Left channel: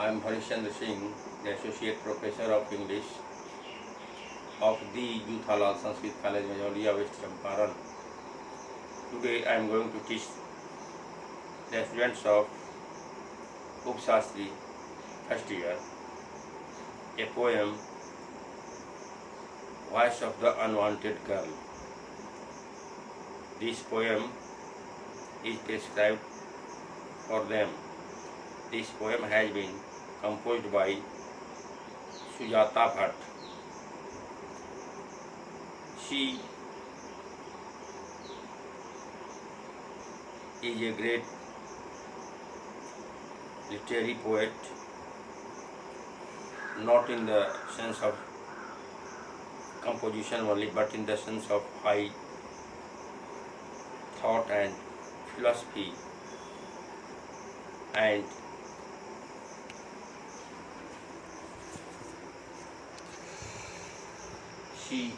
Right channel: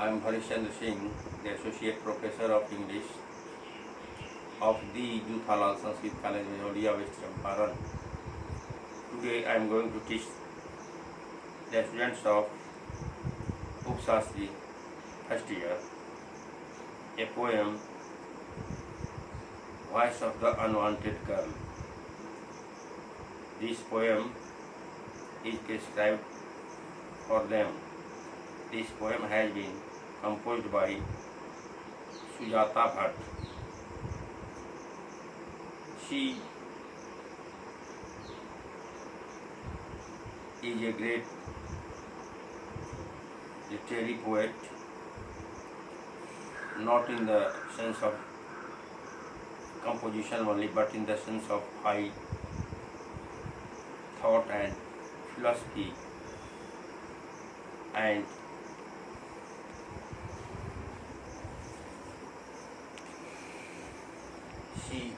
I am Harischandra Singh, the Associate Professor of English of the Youth Halal Sanskrit College, Majoliya, West Champaran. Today I am going to teach the students of Upshastri first year a poem, Voice of the Unwanted Girl. This poem is prescribed for them. This poem has been composed by Sujata Bhatt. She is a great literary poet, not in the sense of composition only, but in the sense of high thought and philosophy, and she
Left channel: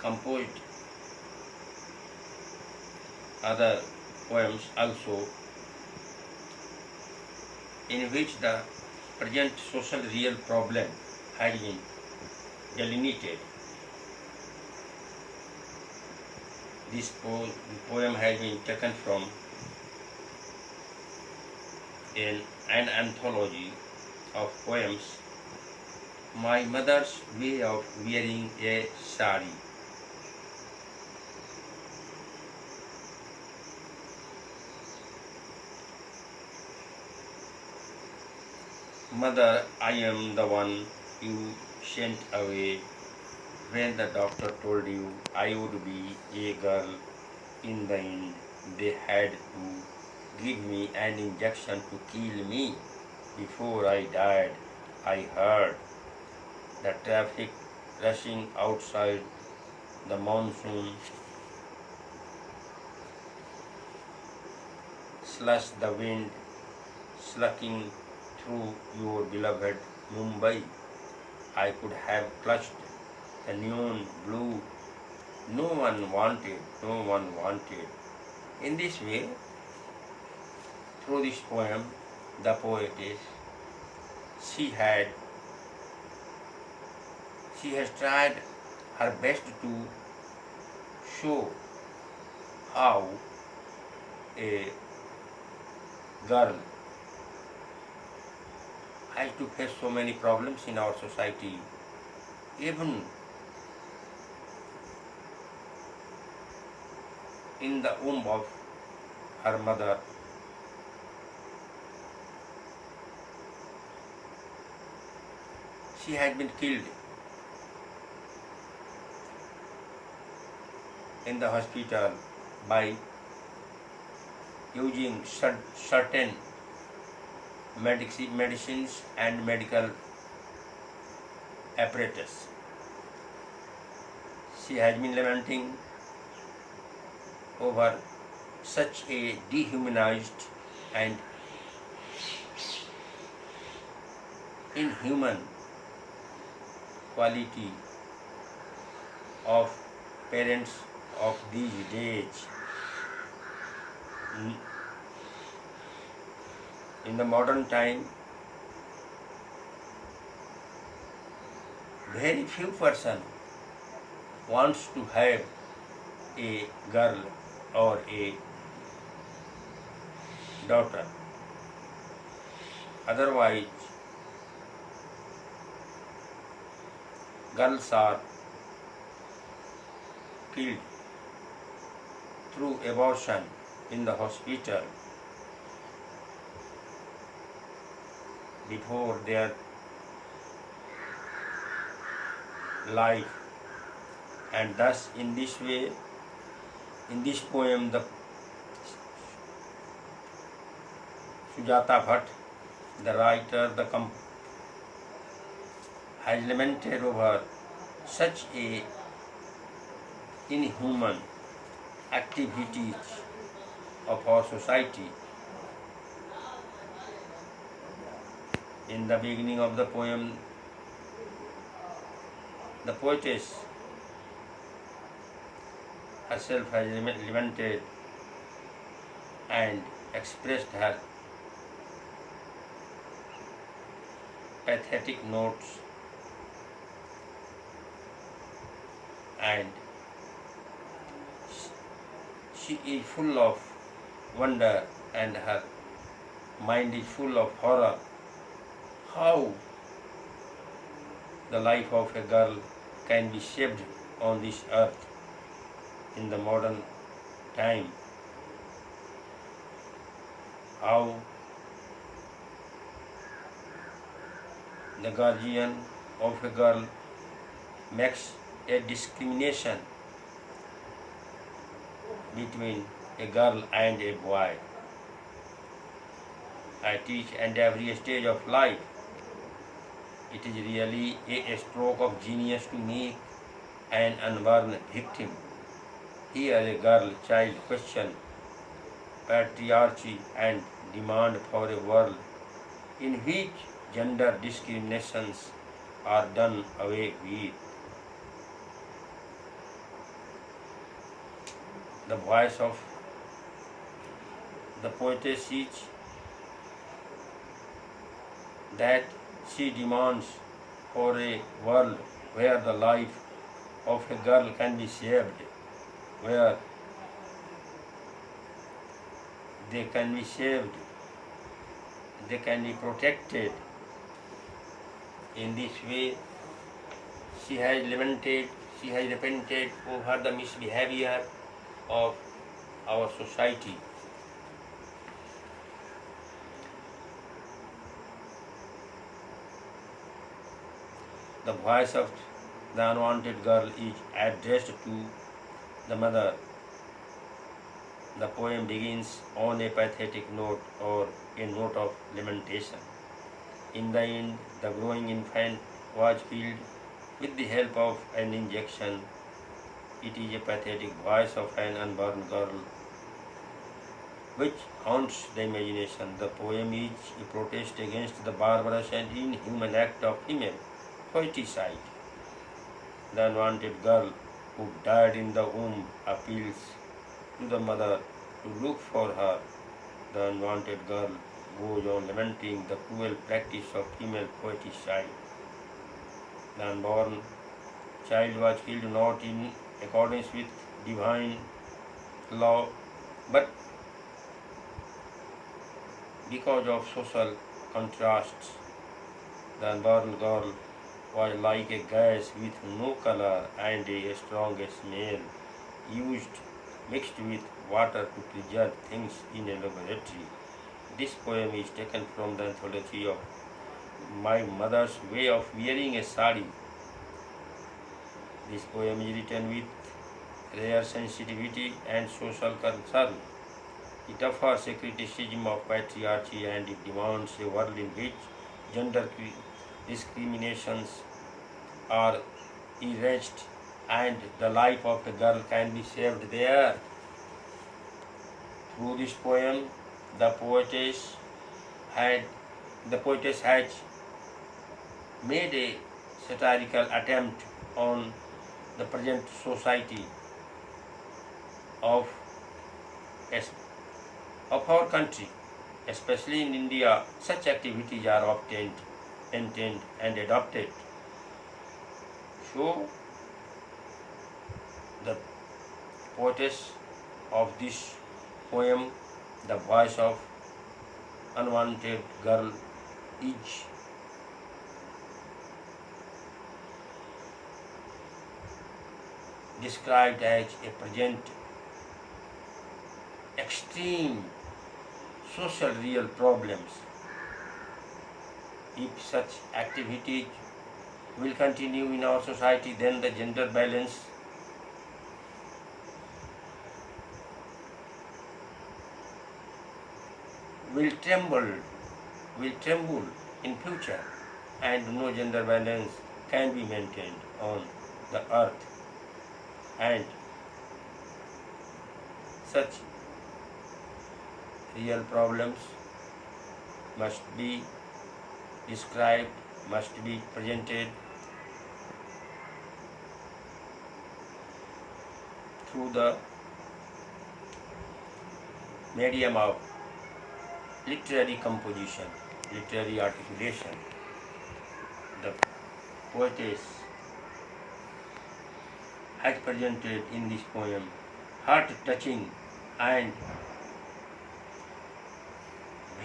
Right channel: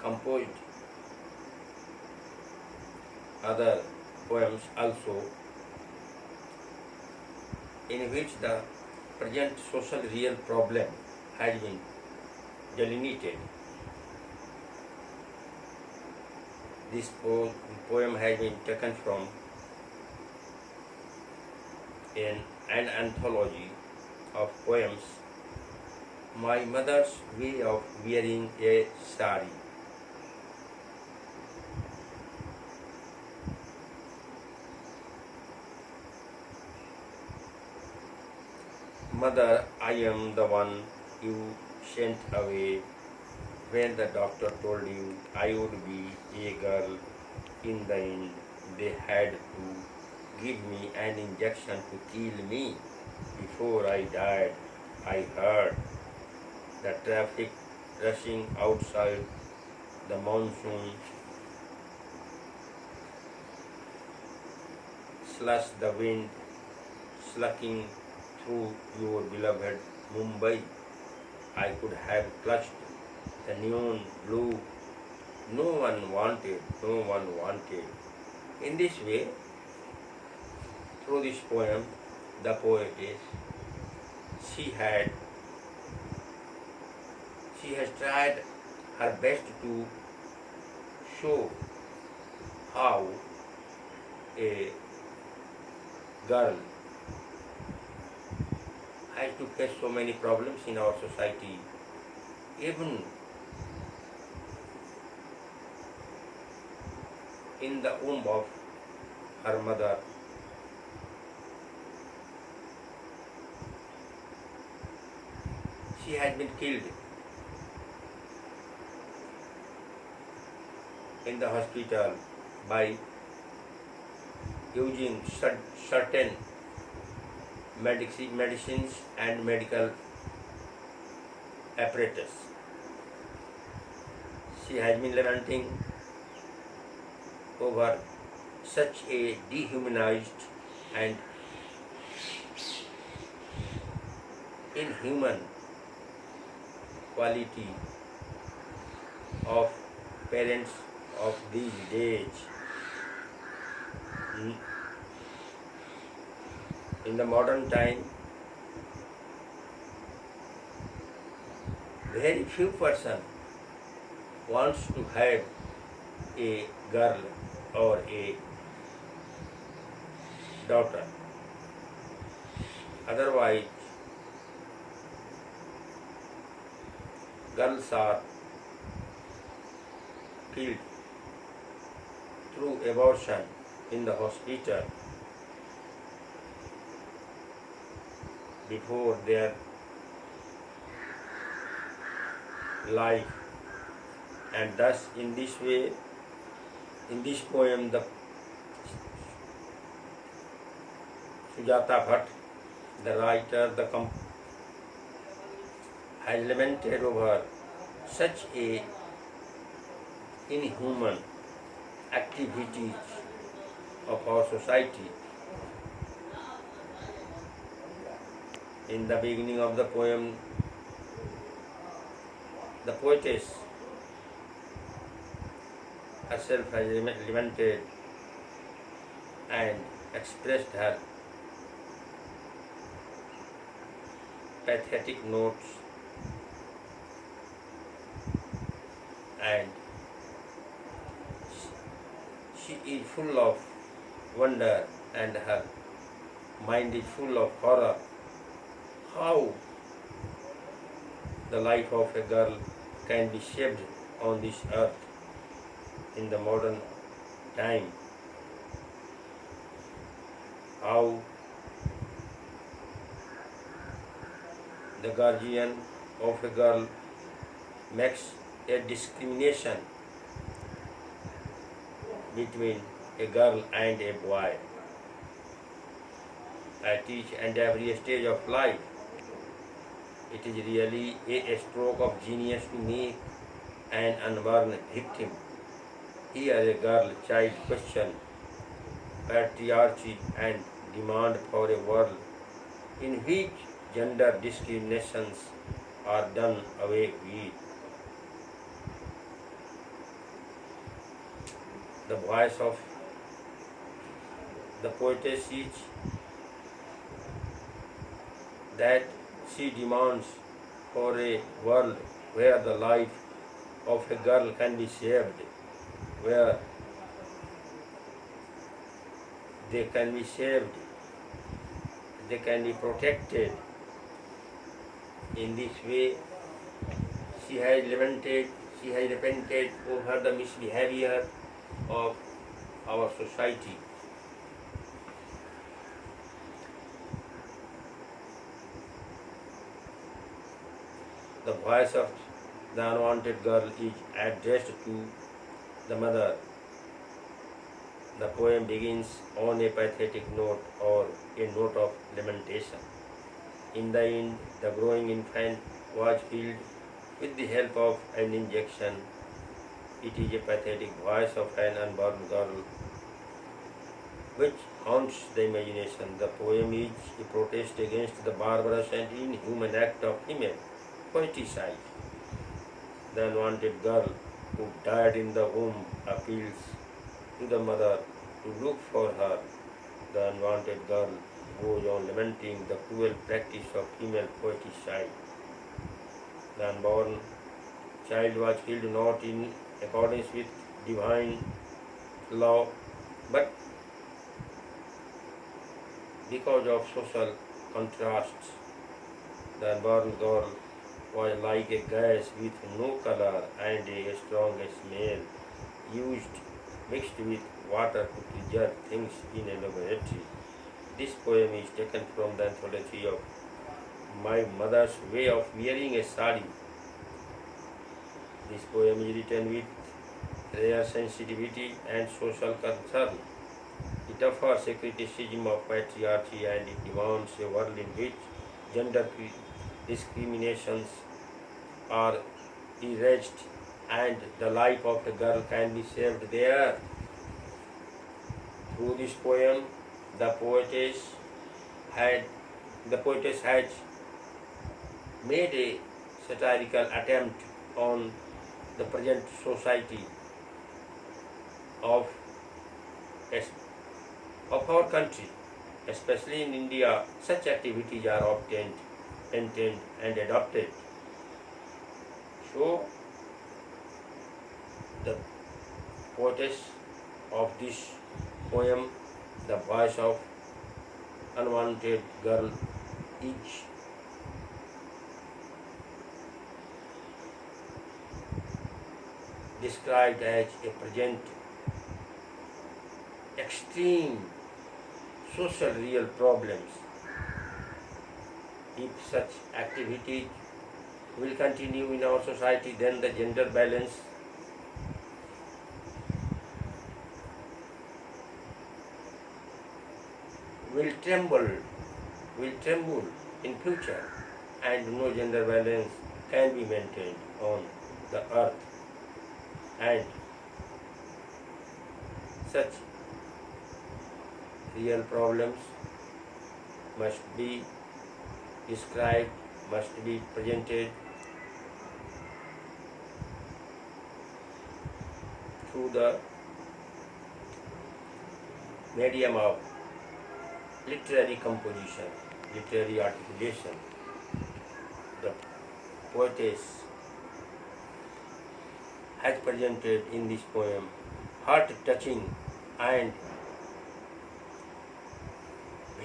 composed other poems also, in which the present social real problem has been delineated. This poem has been taken from an anthology of poems, My Mother's Way of Wearing a Sari. Mother, I am the one you sent away when the doctor told you I would be a girl. In the end, they had to give me an injection to kill me. Before I died, I heard the traffic rushing outside, the monsoon slush, the wind slucking through your beloved Mumbai. I could have clutched the neon blue. No one wanted. In this way, through this poem, the poetess, she has tried her best to show how a girl has to face so many problems in our society. Even in the womb of her mother, she had been killed in the hospital by using certain medicines and medical apparatus. She has been lamenting over such a dehumanized and inhuman quality of parents of these days. In the modern time, very few person wants to have a girl or a daughter. Otherwise, girls are killed through abortion in the hospital before their life. And thus, in this way, in this poem, the Sujata Bhatt, the writer, has lamented over such a inhuman activities of our society. In the beginning of the poem, the poetess herself has lamented and expressed her pathetic notes, and she is full of wonder and her mind is full of horror. How the life of a girl can be shaped on this earth in the modern time. How the guardian of a girl makes a discrimination between a girl and a boy at each and every stage of life. It is really a stroke of genius to make an unborn victim. Here a girl child question patriarchy and demand for a world in which gender discriminations are done away with. The voice of the poetess is that she demands for a world where the life of a girl can be saved, where they can be saved, they can be protected. In this way, she has repented over the misbehavior of our society. The voice of the unwanted girl is addressed to the mother. The poem begins on a pathetic note or a note of lamentation. In the end, the growing infant was killed with the help of an injection. It is a pathetic voice of an unborn girl which haunts the imagination. The poem is a protest against the barbarous and inhuman act of female poeticide. The unwanted girl who died in the womb appeals to the mother to look for her. The unwanted girl goes on lamenting the cruel practice of female poeticide. The unborn child was killed not in accordance with divine law, but because of social contrasts. The unborn girl was like a gas with no color and a strong smell, used mixed with water to preserve things in a laboratory. This poem is taken from the anthology of My Mother's Way of Wearing a Sari. This poem is written with rare sensitivity and social concern. It offers a criticism of patriarchy and it demands a world in which gender discriminations are erased and the life of a girl can be saved there. Through this poem, the poetess has made a satirical attempt on the present society of our country, especially in India. Such activities are obtained, maintained, and adopted. So, the poetess of this poem, the voice of unwanted girl, is described as a present extreme social real problems. If such activities will continue in our society, then the gender balance will tremble in future, and no gender balance can be maintained on the earth. And such real problems must be described, must be presented through the medium of literary composition, literary articulation. the poetess has presented in this poem, heart-touching and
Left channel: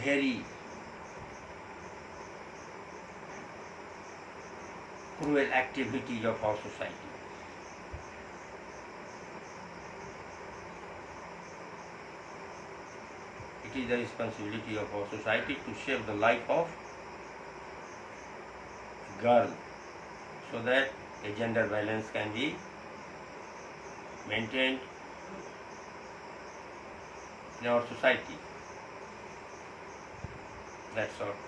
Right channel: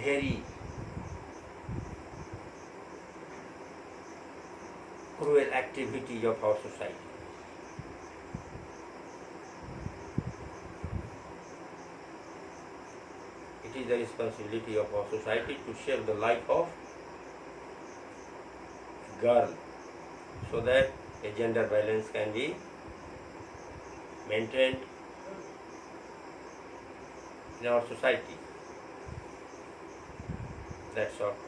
very cruel activities of our society. It is the responsibility of our society to save the life of girl so that a gender balance can be maintained in our society. That's all.